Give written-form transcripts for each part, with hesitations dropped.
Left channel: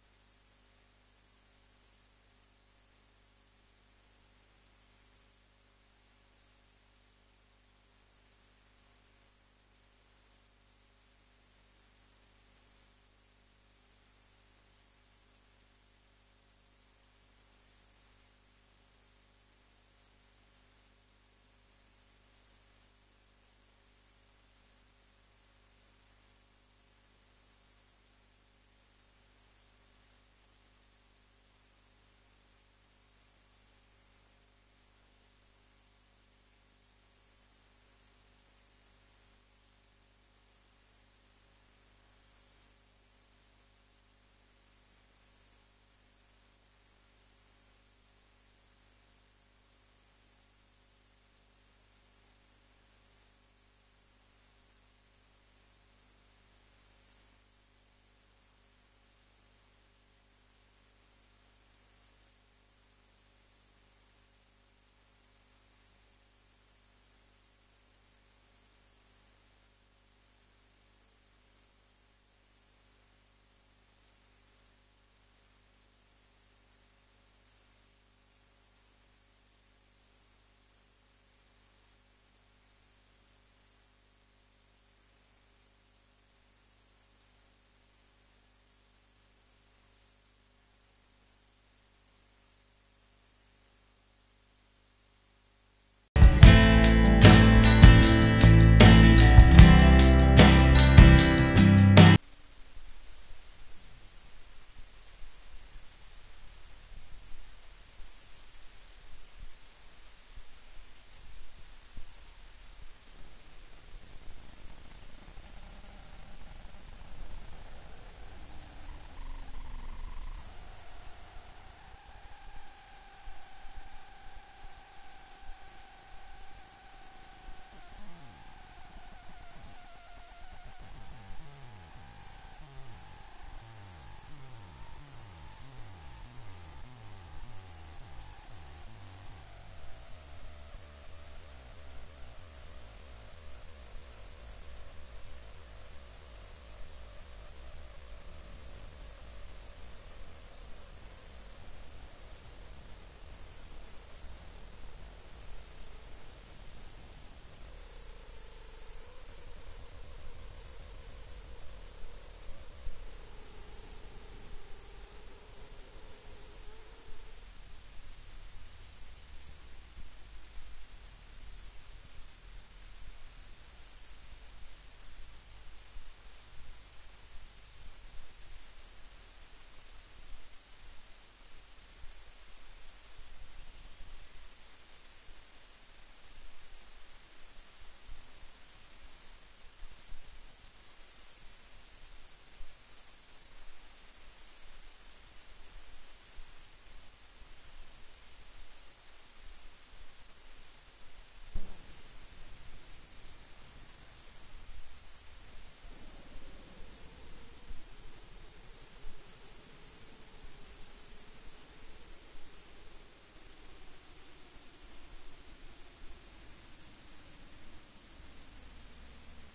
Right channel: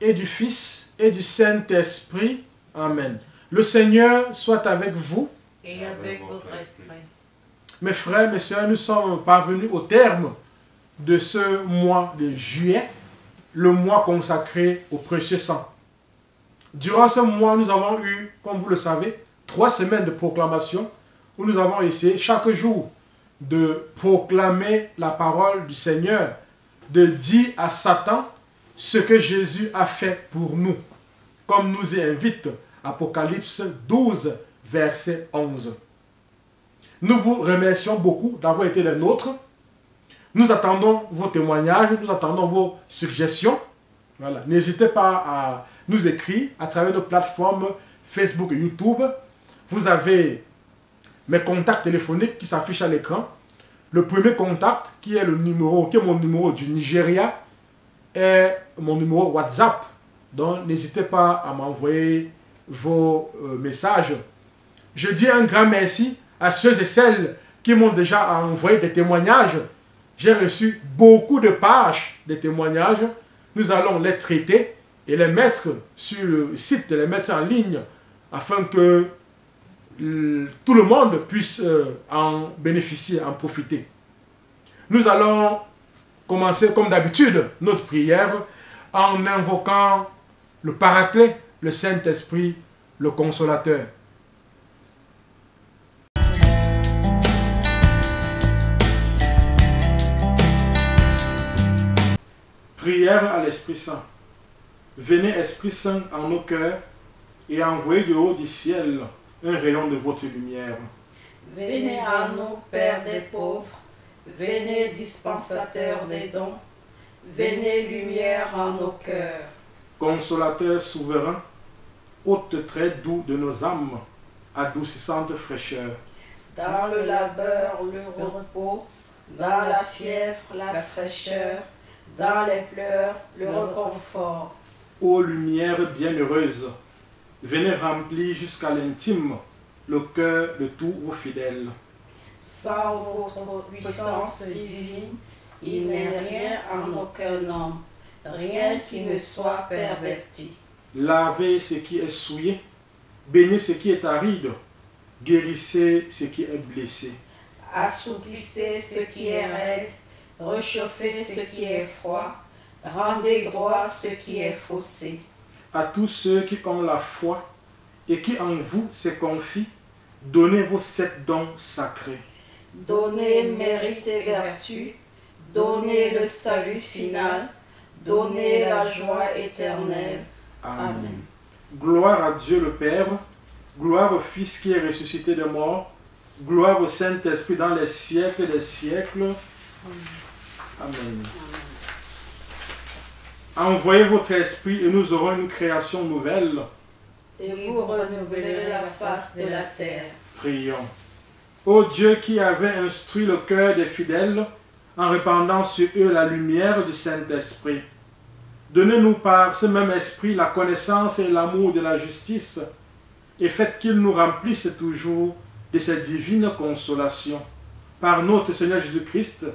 et du Fils et du Saint-Esprit. Amen. Le Seigneur soit avec vous. Et avec votre esprit. Mes frères, mes sœurs, nous sommes parvenus au terme de ce mois de juillet, le mois consacré au précieux sang. Durant ce mois, nous avons eu, comme vous le savez, 3 semaines de proclamation où nous avons essayé chaque jour de proclamer la parole du Seigneur, de dire à Satan ce que Jésus a fait pour nous, comme nous y invite Apocalypse 12, verset 11. Nous vous remercions beaucoup d'avoir été les nôtres. Nous attendons vos témoignages, nous attendons vos suggestions. Voilà. N'hésitez pas à nous écrire à travers nos plateformes Facebook et YouTube. Vous avez mes contacts téléphoniques qui s'affichent à l'écran. Le premier contact, qui est mon numéro du Nigeria, est mon numéro WhatsApp. Donc, n'hésitez pas à m'envoyer vos messages. Je dis un grand merci à ceux et celles qui m'ont déjà envoyé des témoignages. J'ai reçu beaucoup de pages de témoignages. Nous allons les traiter et les mettre sur le site, les mettre en ligne, afin que tout le monde puisse en bénéficier, en profiter. Nous allons commencer comme d'habitude notre prière en invoquant le Paraclet, le Saint-Esprit, le Consolateur. Prière à l'Esprit Saint. Venez, Esprit Saint, en nos cœurs et envoyez de haut du ciel un rayon de votre lumière. Venez à nous, Père des pauvres, venez, dispensateur des dons, venez, lumière en nos cœurs. Consolateur souverain, hôte très doux de nos âmes, adoucissante fraîcheur. Dans le labeur, le repos, dans la fièvre, la fraîcheur, dans les pleurs, le réconfort. Ô lumière bienheureuse, venez remplir jusqu'à l'intime le cœur de tous vos fidèles. Sans votre puissance divine, il n'est rien en aucun homme, rien qui ne soit perverti. Lavez ce qui est souillé, bénissez ce qui est aride, guérissez ce qui est blessé. Assouplissez ce qui est raide, réchauffez ce qui est froid, rendez droit ce qui est faussé. À tous ceux qui ont la foi et qui en vous se confient, donnez vos 7 dons sacrés. Donnez mérite et vertu, donnez le salut final, donnez la joie éternelle. Amen. Gloire à Dieu le Père, gloire au Fils qui est ressuscité des morts, gloire au Saint-Esprit dans les siècles des siècles. Amen. Envoyez votre esprit et nous aurons une création nouvelle. Et vous renouvelerez la face de la terre. Prions. Ô Dieu qui avait instruit le cœur des fidèles en répandant sur eux la lumière du Saint-Esprit, donnez-nous par ce même esprit la connaissance et l'amour de la justice et faites qu'il nous remplisse toujours de cette divine consolation. Par notre Seigneur Jésus-Christ,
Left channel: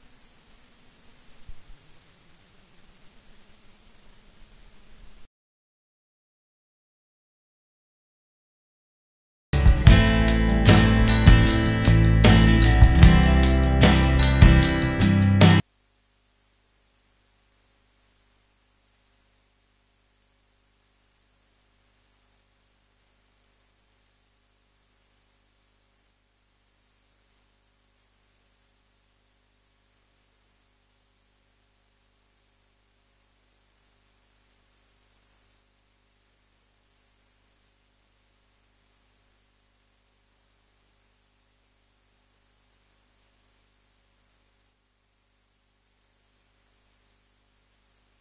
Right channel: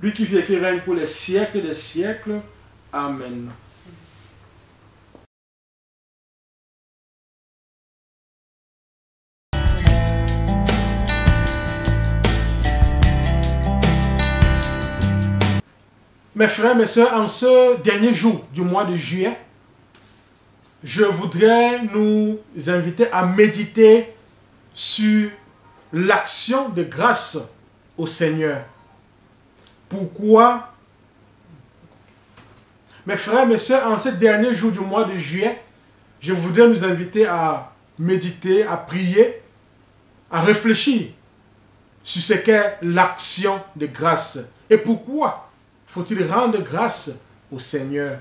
lui qui vit et qui règne pour les siècles des siècles. Amen. Mes frères, mes sœurs, en ce dernier jour du mois de juillet, je voudrais nous inviter à méditer sur l'action de grâce au Seigneur. Pourquoi? Mes frères, mes sœurs, en ce dernier jour du mois de juillet, je voudrais nous inviter à méditer, à prier, à réfléchir sur ce qu'est l'action de grâce. Et pourquoi faut-il rendre grâce au Seigneur?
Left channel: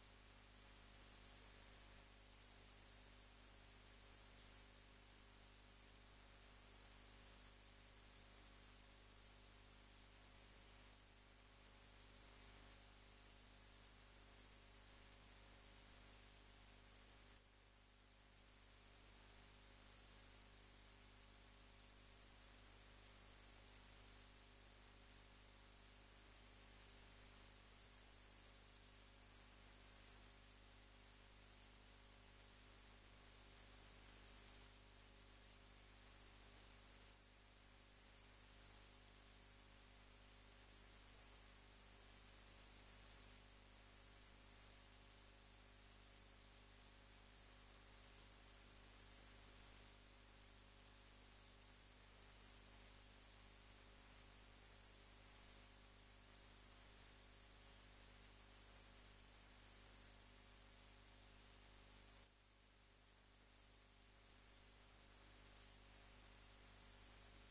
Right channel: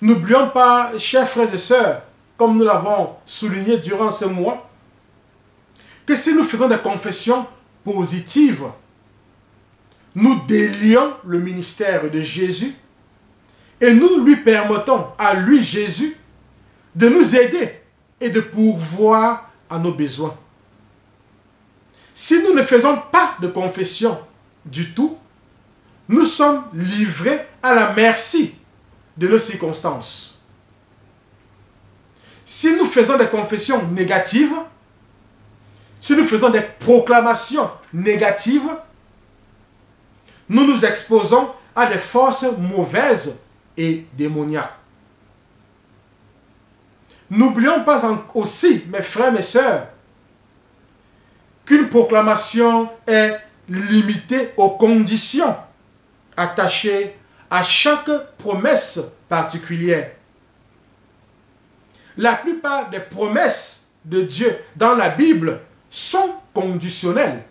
N'oublions pas, chers frères et sœurs, comme nous l'avons souligné durant ce mois, que si nous faisons des confessions positives, nous délions le ministère de Jésus et nous lui permettons à lui, Jésus, de nous aider et de pourvoir à nos besoins. Si nous ne faisons pas de confession du tout, nous sommes livrés à la merci de nos circonstances. Si nous faisons des confessions négatives, si nous faisons des proclamations négatives, nous nous exposons à des forces mauvaises et démoniaques. N'oublions pas aussi, mes frères, mes sœurs, qu'une proclamation est limitée aux conditions attachées à chaque promesse particulière. La plupart des promesses de Dieu dans la Bible sont conditionnelles.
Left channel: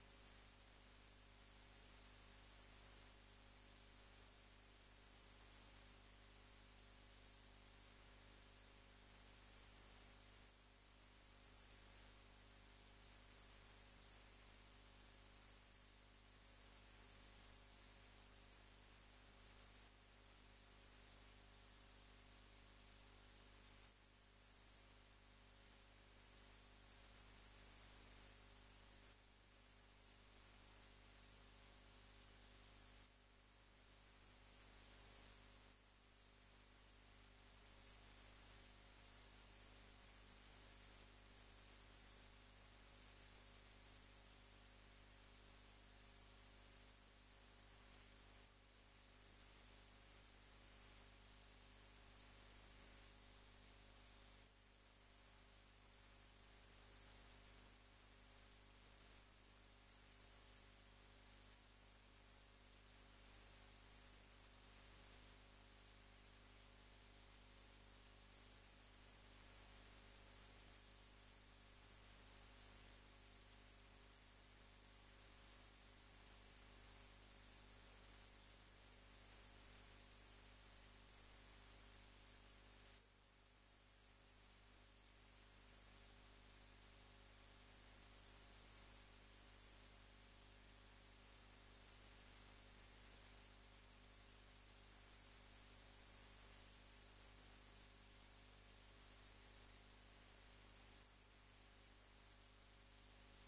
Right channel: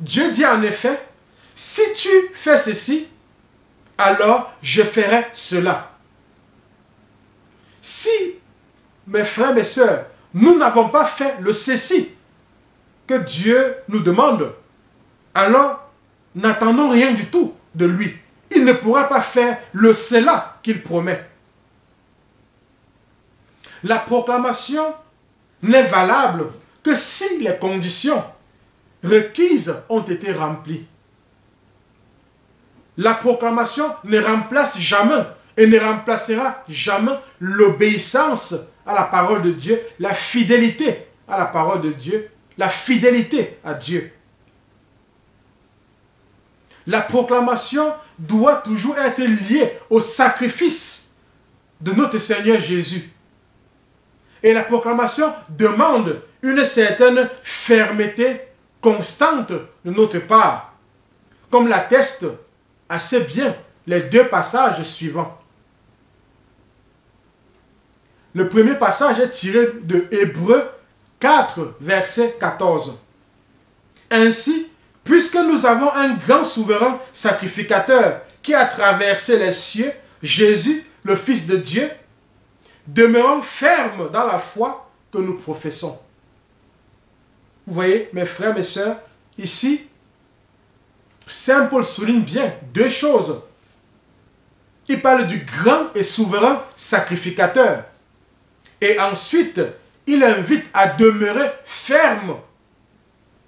Dieu dit en effet, si tu fais ceci, alors je ferai cela. Si, mes frères, mes sœurs, nous n'avons pas fait le ceci que Dieu nous demande, alors n'attendons rien du tout de lui. Il ne pourra pas faire le cela qu'il promet. La proclamation n'est valable que si les conditions requises ont été remplies. La proclamation ne remplace jamais et ne remplacera jamais l'obéissance à la parole de Dieu, la fidélité à la parole de Dieu, la fidélité à Dieu. La proclamation doit toujours être liée au sacrifice de notre Seigneur Jésus. Et la proclamation demande une certaine fermeté constante de notre part, comme l'attestent assez bien les deux passages suivants. Le premier passage est tiré de Hébreux 4, verset 14. Ainsi, puisque nous avons un grand souverain sacrificateur qui a traversé les cieux, Jésus, le Fils de Dieu, demeurons fermes dans la foi que nous professons. Vous voyez, mes frères, mes sœurs, ici, Saint Paul souligne bien deux choses. Il parle du grand et souverain sacrificateur. Et ensuite, il invite à demeurer ferme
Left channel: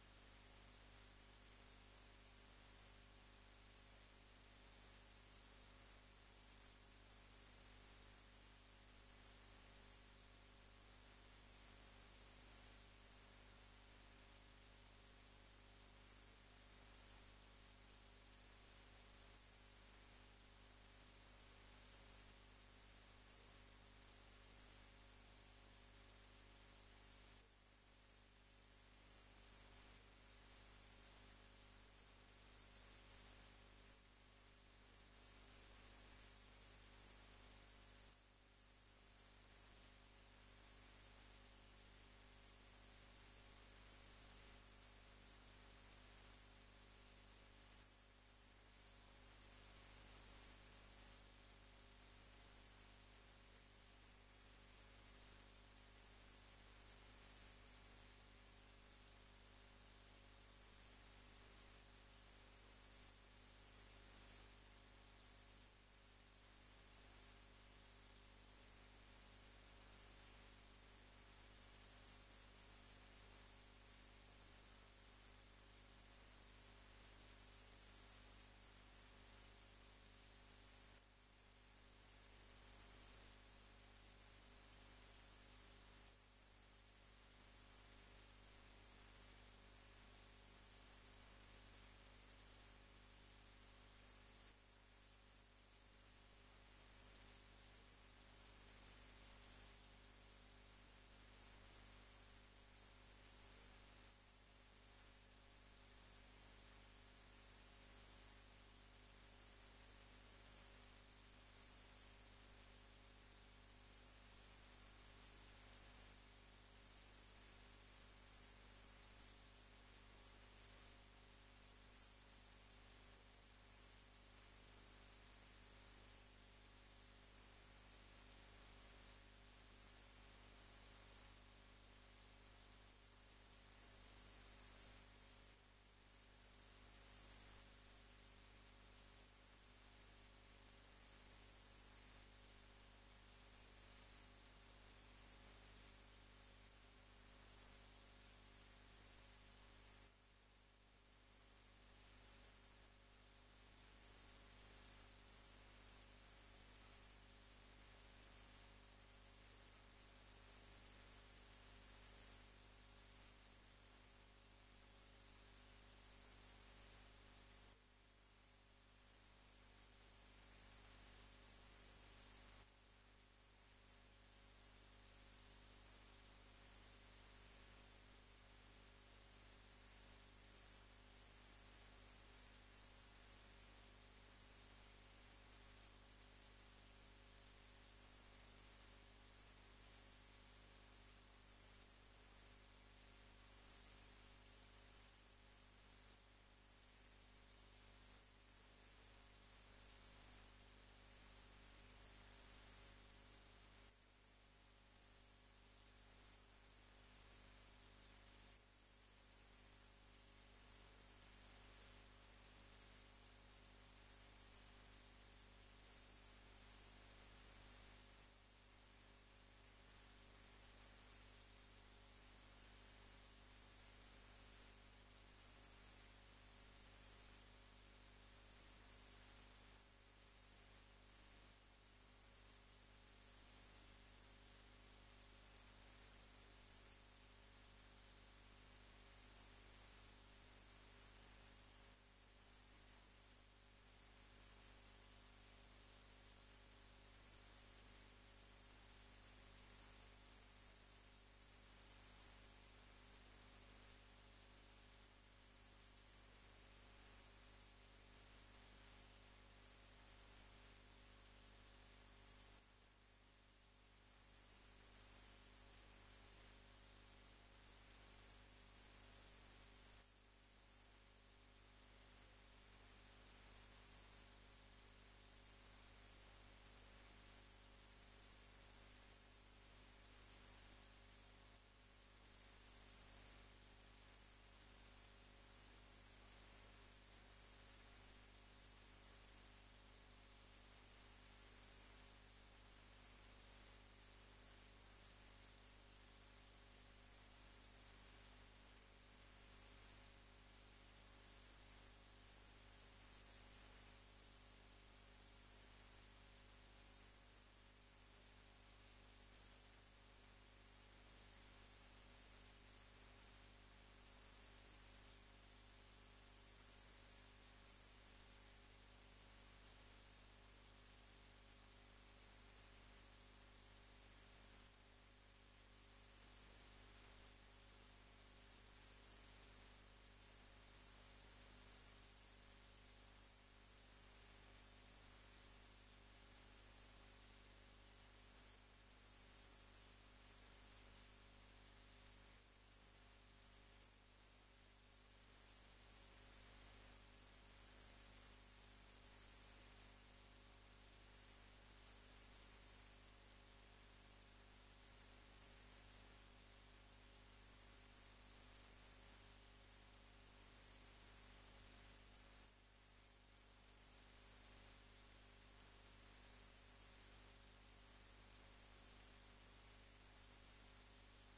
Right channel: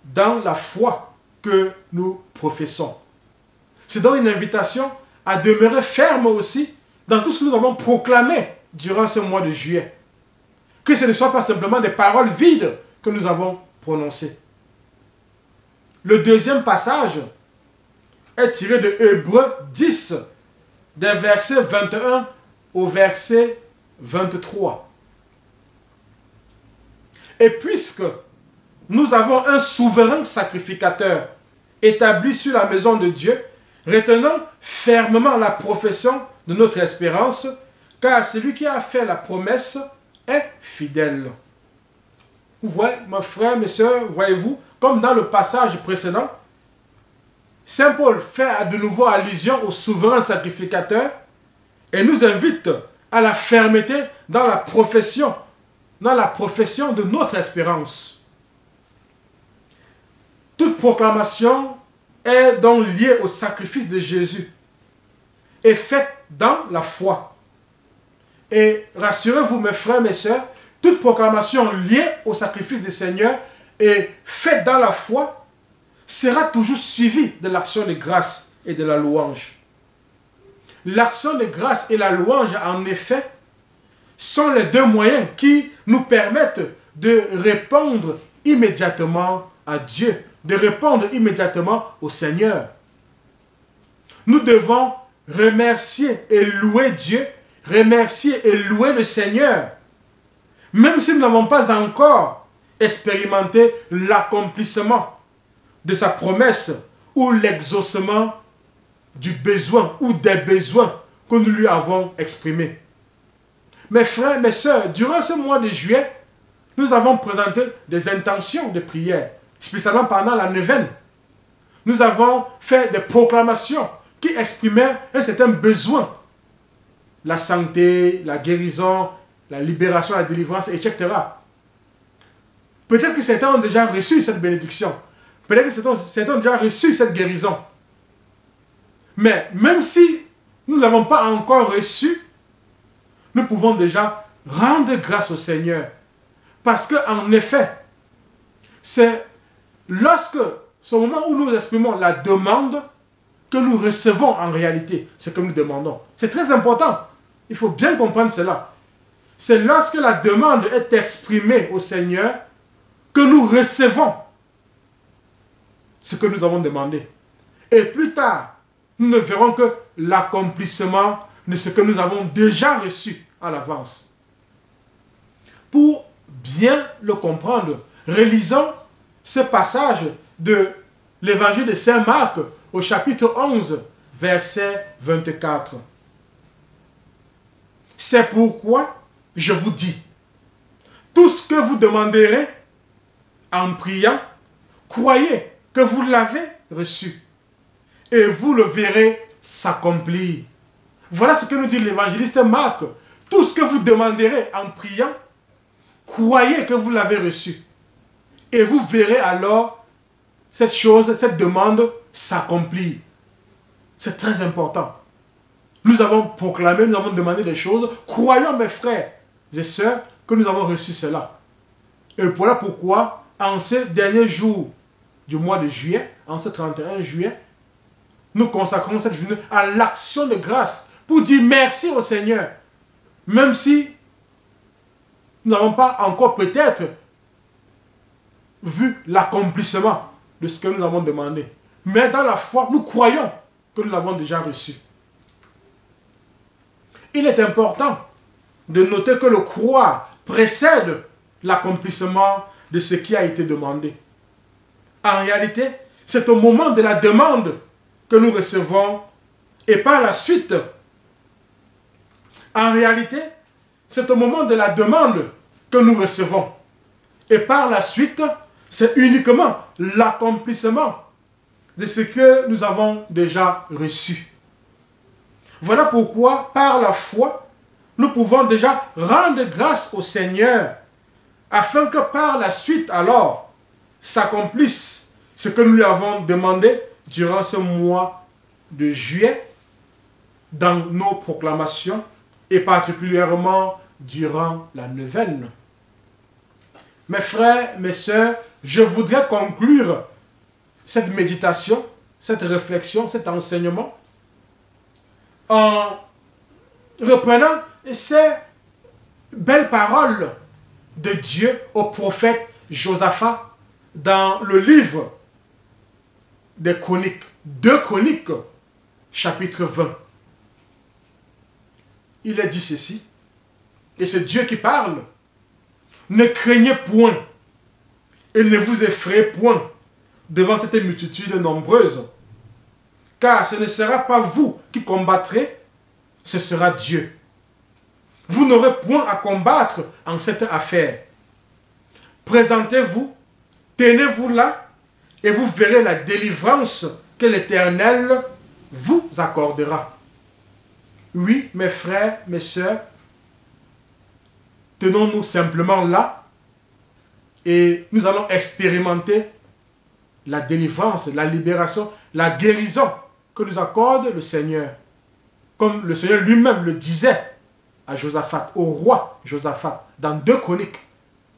dans la foi que nous professons. C'est donc une invitation à demeurer ferme aussi dans tout ce que nous avons proclamé durant ce mois de juillet. Que ce ne soit pas simplement des paroles vides que nous avons prononcées. Le deuxième passage est tiré de Hébreux 10, des versets 21 au verset 23. Et puisque nous avons un souverain sacrificateur établi sur la maison de Dieu, retenons fermement la profession de notre espérance, car celui qui a fait la promesse est fidèle. Vous voyez, mes frères, mes sœurs, voyez-vous, comme dans le passage précédent, Saint Paul fait de nouveau allusion au souverain sacrificateur et nous invite à la fermeté dans la profession de notre espérance. Toute proclamation est donc liée au sacrifice de Jésus et faite dans la foi. Et rassurez-vous, mes frères, mes sœurs, toute proclamation liée au sacrifice du Seigneur et faite dans la foi sera toujours suivie de l'action de grâce et de la louange. L'action de grâce et la louange, en effet, sont les deux moyens qui nous permettent de répondre immédiatement à Dieu, de répondre immédiatement au Seigneur. Nous devons remercier et louer Dieu, remercier et louer le Seigneur, même si nous n'avons pas encore expérimenté l'accomplissement de sa promesse ou l'exaucement du besoin ou des besoins que nous lui avons exprimés. Mes frères, mes sœurs, durant ce mois de juillet, nous avons présenté des intentions de prière, spécialement pendant la neuvaine. Nous avons fait des proclamations qui exprimaient un certain besoin. La santé, la guérison, la libération, la délivrance, etc. Peut-être que certains ont déjà reçu cette bénédiction. Peut-être que certains ont déjà reçu cette guérison. Mais même si nous ne l'avons pas encore reçu, nous pouvons déjà rendre grâce au Seigneur. Parce qu'en effet, c'est lorsque, ce moment où nous exprimons la demande, que nous recevons en réalité ce que nous demandons. C'est très important. Il faut bien comprendre cela. C'est lorsque la demande est exprimée au Seigneur que nous recevons ce que nous avons demandé. Et plus tard, nous ne verrons que l'accomplissement de ce que nous avons déjà reçu à l'avance. Pour bien le comprendre, relisons ce passage de l'évangile de Saint Marc au chapitre 11, verset 24. C'est pourquoi je vous dis, tout ce que vous demanderez en priant, croyez que vous l'avez reçu et vous le verrez s'accomplir. Voilà ce que nous dit l'évangéliste Marc. Tout ce que vous demanderez en priant, croyez que vous l'avez reçu et vous verrez alors cette chose, cette demande s'accomplir. C'est très important. Nous avons proclamé, nous avons demandé des choses. Croyons, mes frères et sœurs, que nous avons reçu cela. Et voilà pourquoi, en ces derniers jours du mois de juillet, en ce 31 juillet, nous consacrons cette journée à l'action de grâce pour dire merci au Seigneur. Même si nous n'avons pas encore peut-être vu l'accomplissement de ce que nous avons demandé. Mais dans la foi, nous croyons que nous l'avons déjà reçu. Il est important de noter que le croire précède l'accomplissement de ce qui a été demandé. En réalité, c'est au moment de la demande que nous recevons et par la suite, en réalité, c'est au moment de la demande que nous recevons. Et par la suite, c'est uniquement l'accomplissement de ce que nous avons déjà reçu. Voilà pourquoi, par la foi, nous pouvons déjà rendre grâce au Seigneur, afin que par la suite, alors, s'accomplisse ce que nous lui avons demandé durant ce mois de juillet, dans nos proclamations, et particulièrement durant la neuvaine. Mes frères, mes sœurs, je voudrais conclure cette méditation, cette réflexion, cet enseignement, en reprenant ces belles paroles de Dieu au prophète Josaphat dans le livre des Chroniques, 2 Chroniques, chapitre 20. Il est dit ceci, et c'est Dieu qui parle: ne craignez point et ne vous effrayez point devant cette multitude nombreuse, car ce ne sera pas vous qui combattrez, ce sera Dieu. Vous n'aurez point à combattre en cette affaire. Présentez-vous, tenez-vous là, et vous verrez la délivrance que l'Éternel vous accordera. Oui, mes frères, mes sœurs, tenons-nous simplement là, et nous allons expérimenter la délivrance, la libération, la guérison que nous accorde le Seigneur. Comme le Seigneur lui-même le disait à Josaphat, au roi Josaphat, dans 2 Chroniques,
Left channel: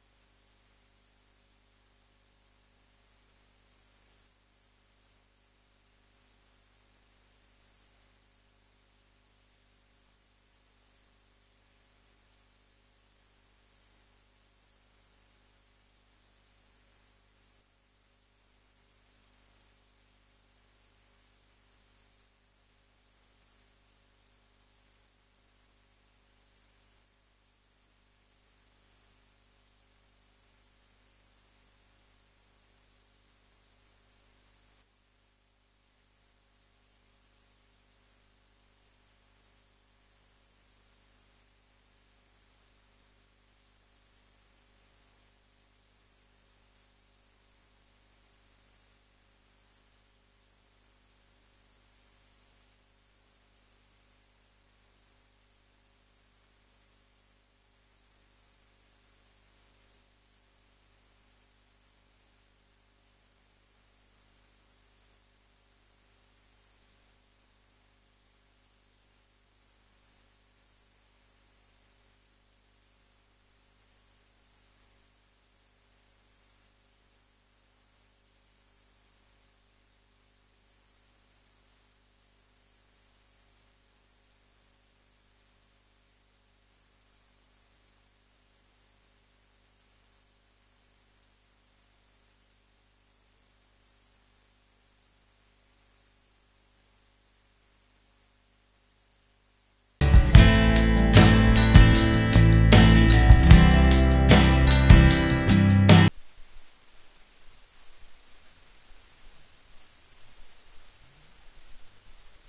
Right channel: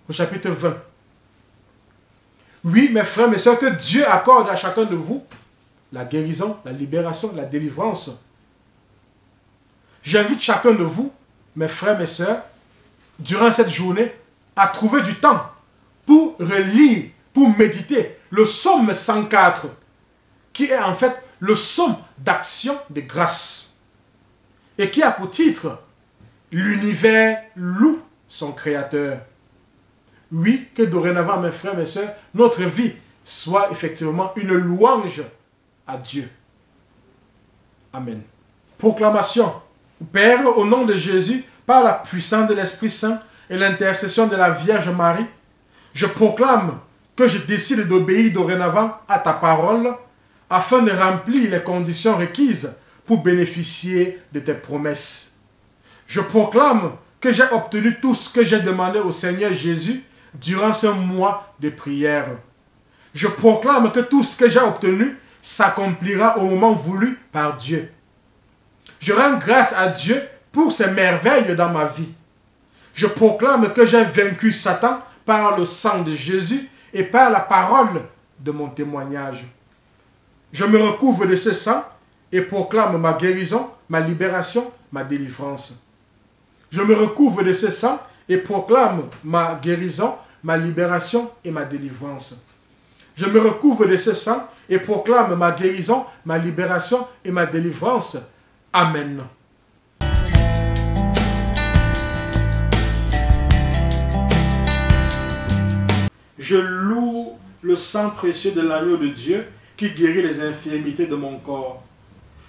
au chapitre 20. Oui, mes frères, mes sœurs, que Dieu accorde à chacun de vous la guérison, la libération, la délivrance. J'invite chacun de vous, mes frères, mes sœurs, durant cette journée, à trouver du temps pour relire, pour méditer le psaume 104, qui est en fait le psaume d'action de grâce, et qui a pour titre « L'univers loue son Créateur ». Oui, que dorénavant, mes frères, mes sœurs, notre vie soit effectivement une louange à Dieu. Amen. Proclamation. Père, au nom de Jésus, par la puissance de l'Esprit Saint et l'intercession de la Vierge Marie, je proclame que je décide d'obéir dorénavant à ta parole afin de remplir les conditions requises pour bénéficier de tes promesses. Je proclame que j'ai obtenu tout ce que j'ai demandé au Seigneur Jésus durant ce mois de prière. Je proclame que tout ce que j'ai obtenu s'accomplira au moment voulu par Dieu. Je rends grâce à Dieu pour ses merveilles dans ma vie. Je proclame que j'ai vaincu Satan par le sang de Jésus et par la parole de mon témoignage. Je me recouvre de ce sang et proclame ma guérison, ma libération, ma délivrance. Je me recouvre de ce sang et proclame ma guérison, ma libération et ma délivrance. Je me recouvre de ce sang et proclame ma guérison, ma libération et ma délivrance. Amen. Je loue le sang précieux de l'agneau de Dieu qui guérit les infirmités de mon corps.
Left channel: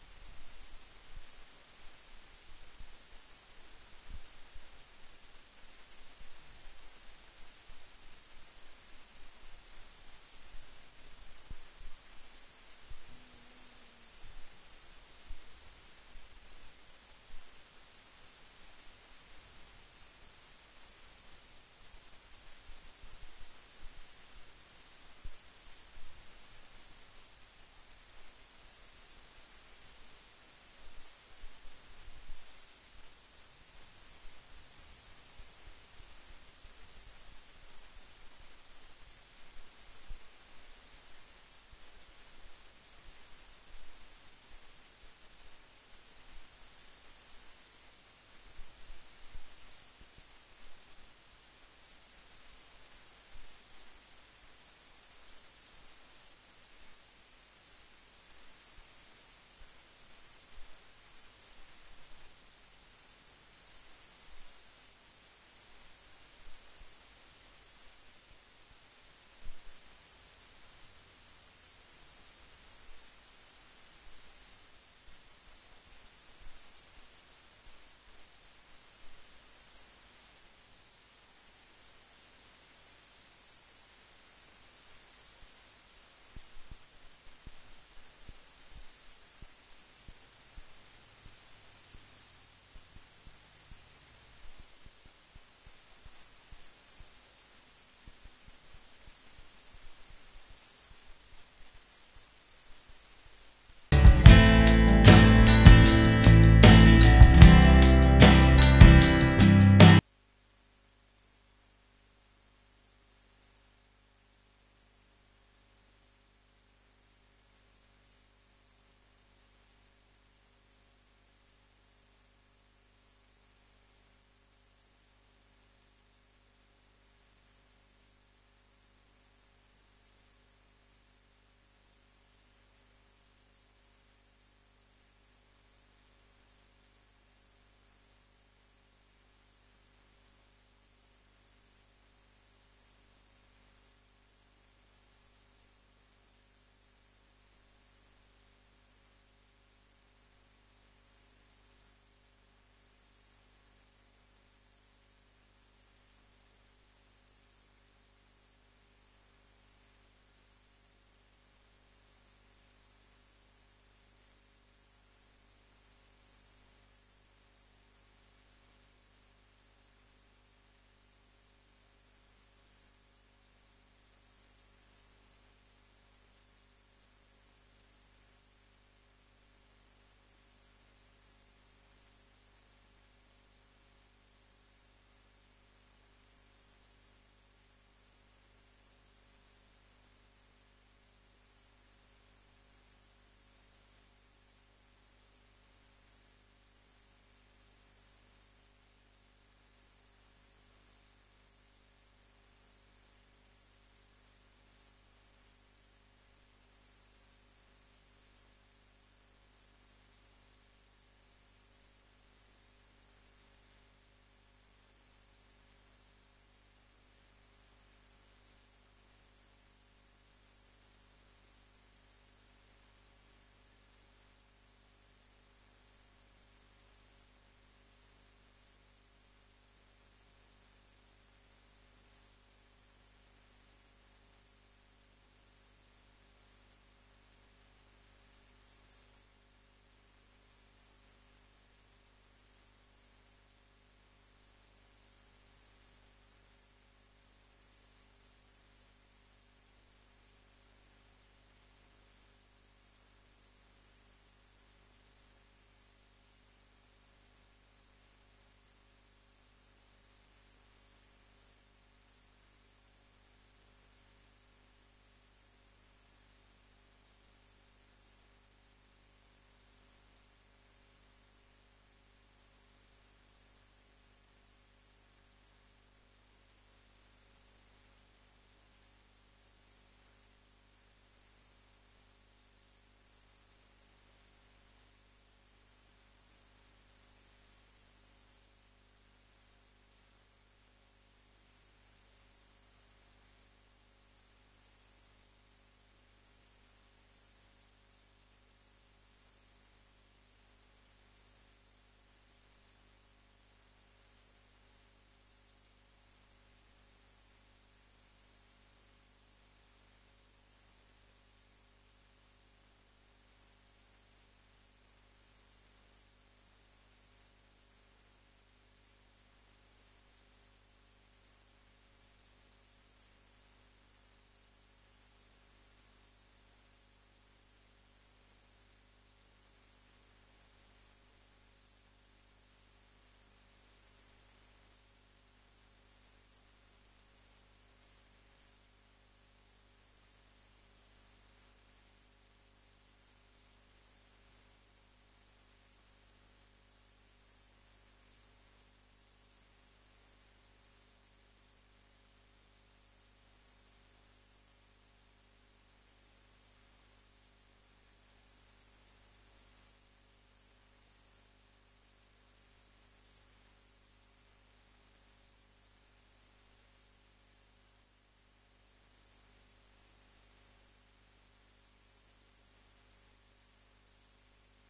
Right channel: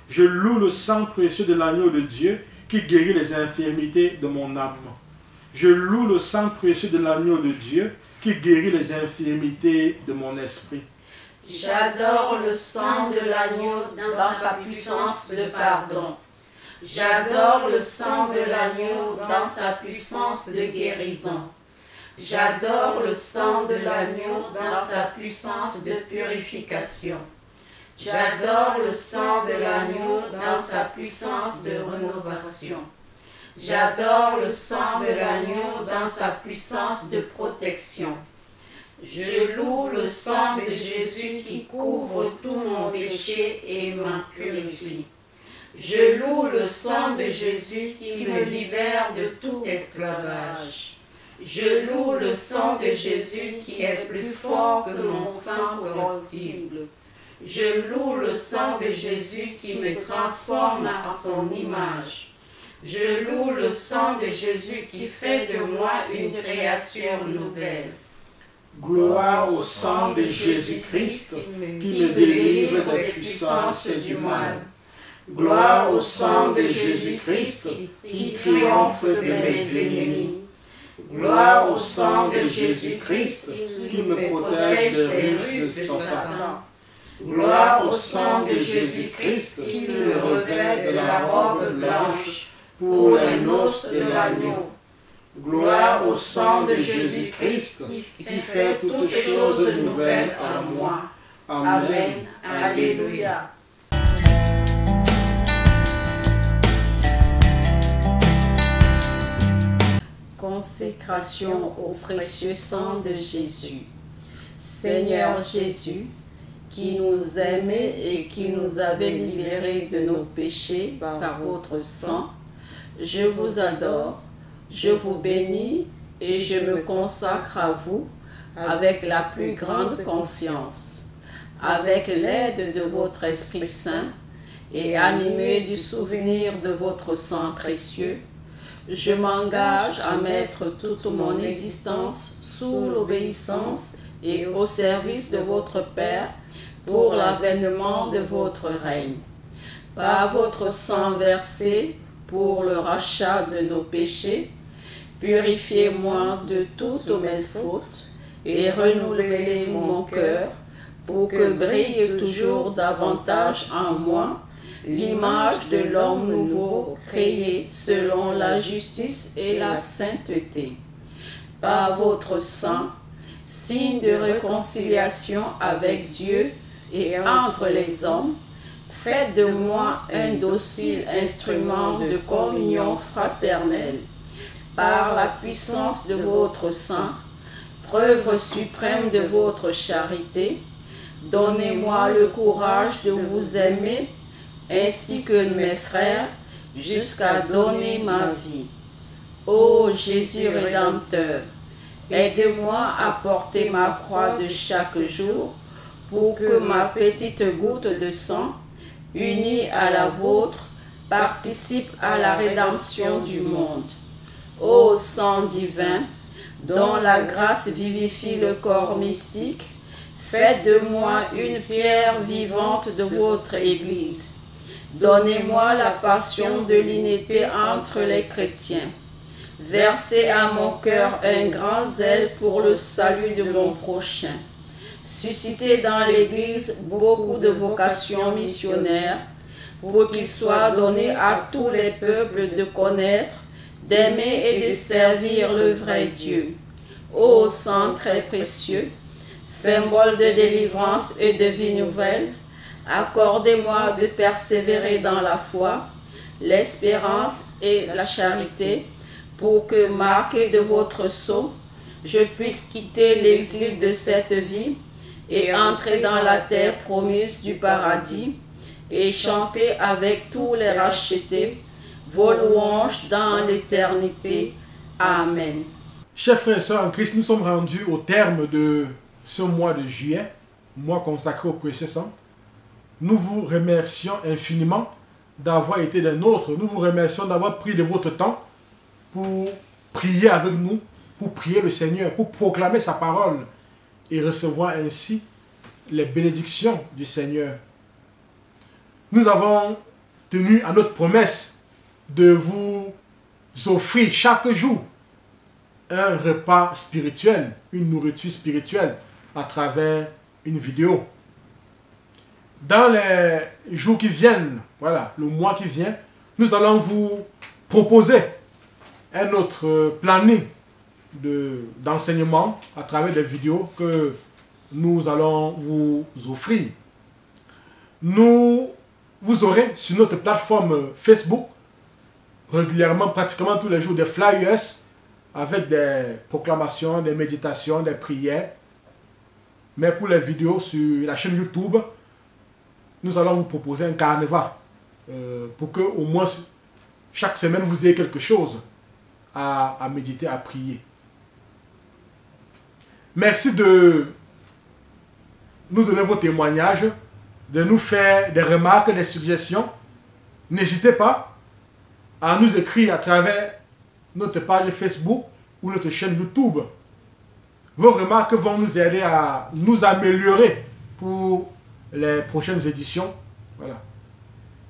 Je loue le sang précieux de l'agneau de Dieu qui guérit les infirmités de mon âme. Je loue le sang précieux de l'agneau de Dieu qui guérit les infirmités de mon esprit. J'adore le sang de l'agneau dans sa puissance de pardon. J'adore le sang de l'agneau dans sa puissance de guérison. J'adore le sang de l'agneau dans sa puissance de purification. J'adore le sang de l'agneau dans sa puissance de rénovation. J'adore le sang de l'agneau dans sa puissance de protection. Je loue le sang de Jésus qui couvre tout mon péché et m'en purifie. Je loue le sang de Jésus qui me libère de tout esclavage. Je loue le sang de Jésus qui est plus fort que mon sang corruptible. Je loue le sang de Jésus qui me transforme à son image. Je loue le sang de Jésus qui fait de moi une créature nouvelle. Gloire au sang de Jésus-Christ qui me délivre des puissances du mal. Gloire au sang de Jésus-Christ qui triomphe de mes ennemis. Gloire au sang de Jésus-Christ qui me protège des ruses de Satan. Gloire au sang de Jésus-Christ qui me revêt de la robe blanche pour les noces de l'agneau. Gloire au sang de Jésus-Christ qui fait toutes choses nouvelles en moi. Amen. Alléluia. Consécration au précieux sang de Jésus. Seigneur Jésus, qui nous aimait et qui nous avait libérés de nos péchés par votre sang, je vous adore, je vous bénis et je me consacre à vous avec la plus grande confiance. Avec l'aide de votre Esprit Saint et animé du souvenir de votre sang précieux, je m'engage à mettre toute mon existence sous l'obéissance et au service de votre Père pour l'avènement de votre règne. Par votre sang versé pour le rachat de nos péchés, purifiez-moi de toutes mes fautes et renouvelez mon cœur pour que brille toujours davantage en moi l'image de l'homme nouveau créé selon la justice et la sainteté. Par votre sang, signe de réconciliation avec Dieu et entre les hommes, faites de moi un docile instrument de communion fraternelle. Par la puissance de votre sang, preuve suprême de votre charité, donnez-moi le courage de vous aimer ainsi que mes frères, jusqu'à donner ma vie. Ô Jésus Rédempteur, aide-moi à porter ma croix de chaque jour pour que ma petite goutte de sang, unie à la vôtre, participe à la rédemption du monde. Ô sang divin, dont la grâce vivifie le corps mystique, faites de moi une pierre vivante de votre Église. Donnez-moi la passion de l'unité entre les chrétiens. Versez à mon cœur un grand zèle pour le salut de mon prochain. Suscitez dans l'Église beaucoup de vocations missionnaires pour qu'il soit donné à tous les peuples de connaître, d'aimer et de servir le vrai Dieu. Ô sang très précieux, symbole de délivrance et de vie nouvelle, accordez-moi de persévérer dans la foi, l'espérance et la charité, pour que, marqué de votre sceau, je puisse quitter l'exil de cette vie et entrer dans la terre promise du paradis, et chantez avec tous les rachetés vos louanges dans l'éternité. Amen. Chers frères et sœurs en Christ, nous sommes rendus au terme de ce mois de juillet, mois consacré au précieux sang. Nous vous remercions infiniment d'avoir été des nôtres. Nous vous remercions d'avoir pris de votre temps pour prier avec nous, pour prier le Seigneur, pour proclamer sa parole et recevoir ainsi les bénédictions du Seigneur. Nous avons tenu à notre promesse de vous offrir chaque jour un repas spirituel, une nourriture spirituelle à travers une vidéo. Dans les jours qui viennent, voilà, le mois qui vient, nous allons vous proposer un autre planning d'enseignement à travers des vidéos que nous allons vous offrir. Vous aurez sur notre plateforme Facebook régulièrement, pratiquement tous les jours, des flyers avec des proclamations, des méditations, des prières. Mais pour les vidéos sur la chaîne YouTube, nous allons vous proposer un carnaval pour que au moins chaque semaine vous ayez quelque chose à méditer, à prier. Merci de nous donner vos témoignages, de nous faire des remarques, des suggestions. N'hésitez pas à nous écrire à travers notre page Facebook ou notre chaîne YouTube. Vos remarques vont nous aider à nous améliorer pour les prochaines éditions. Voilà.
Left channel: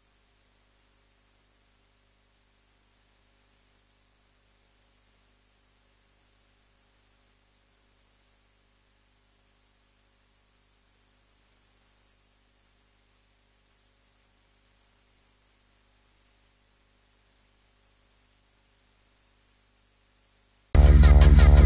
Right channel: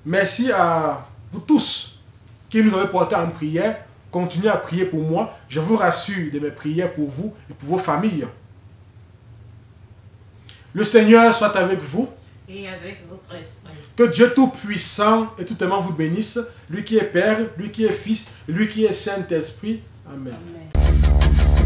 Merci à vous tous qui nous avez porté en prière. Continuez à prier pour moi. Je vous rassure de mes prières pour vous et pour vos familles. Le Seigneur soit avec vous. Et avec votre esprit. Que Dieu Tout-Puissant et Tout-Aimant vous bénisse, lui qui est Père, lui qui est Fils, lui qui est Saint-Esprit. Amen. Amen.